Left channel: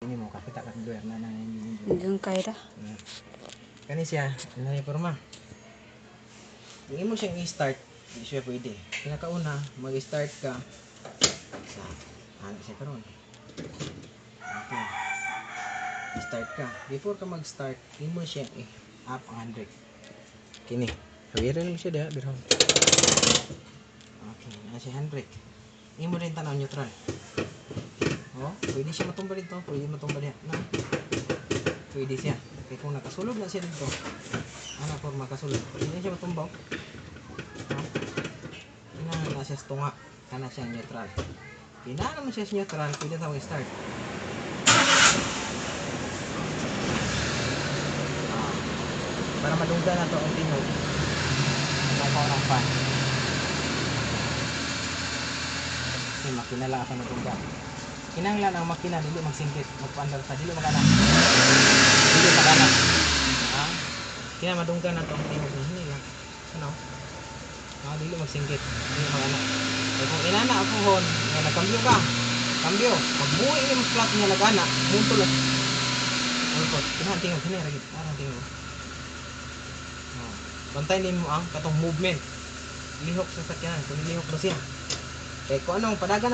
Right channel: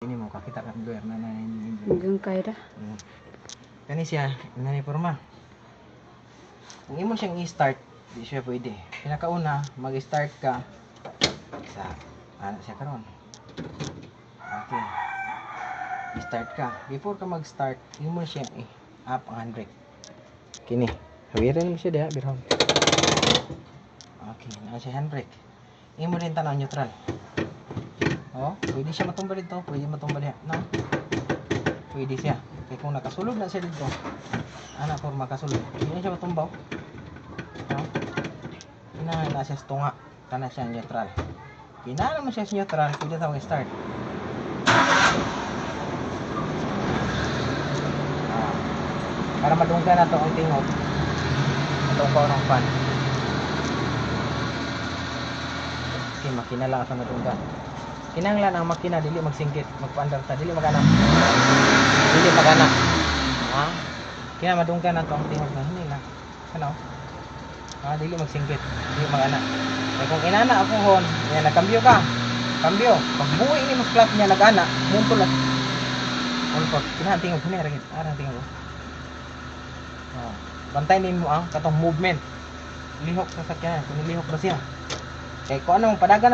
Ini mo kakita ka doer na nang Hanggang kaya ta. kani siya inani porma. Kung imo siyang i-start, di siya pwede. Pinakauna, mag-start ka sa ano siya karon. Okay. Start ka. Before ka mag-start, imo siya up ang handbrake. Kini. Hawiran mo siya diha, birhon. Okay, na siya handbrake. Imo rin tanaw neutral. Oh, pwede siya matumba dito, pwede matumba diha, no? Pwede siya. Kaya kung nakasulod na siya dito, ana for makasulod. Hindi siya matumba. Oh. Ina siya sa tunga, kana siya neutral. Pinana mo siya sa neutral, pwede tawag start. Para madunggan na ito ang tingog. Ito ang parang fan. Kasi makina lang sa madunggan. Kinanglan ang makina dili magsingkit, magpaandar sa dili magana. Dili magana. Ha? Kaya madunggan na ito ang tingog na hindi lang. Ano? Dili magsingkit, dili magana. So kung inana ako hon, yan nagkambyo ka. Kambyo. Pag buwi ini mo flat niya nagana, muntol lang. Muntol. Kinahan tingog ni rin. Arang tingog. Bantayan din mo ang katong movement. Lihok sa sakyan. Kung nilihok na siya. Kaya kung anong padagan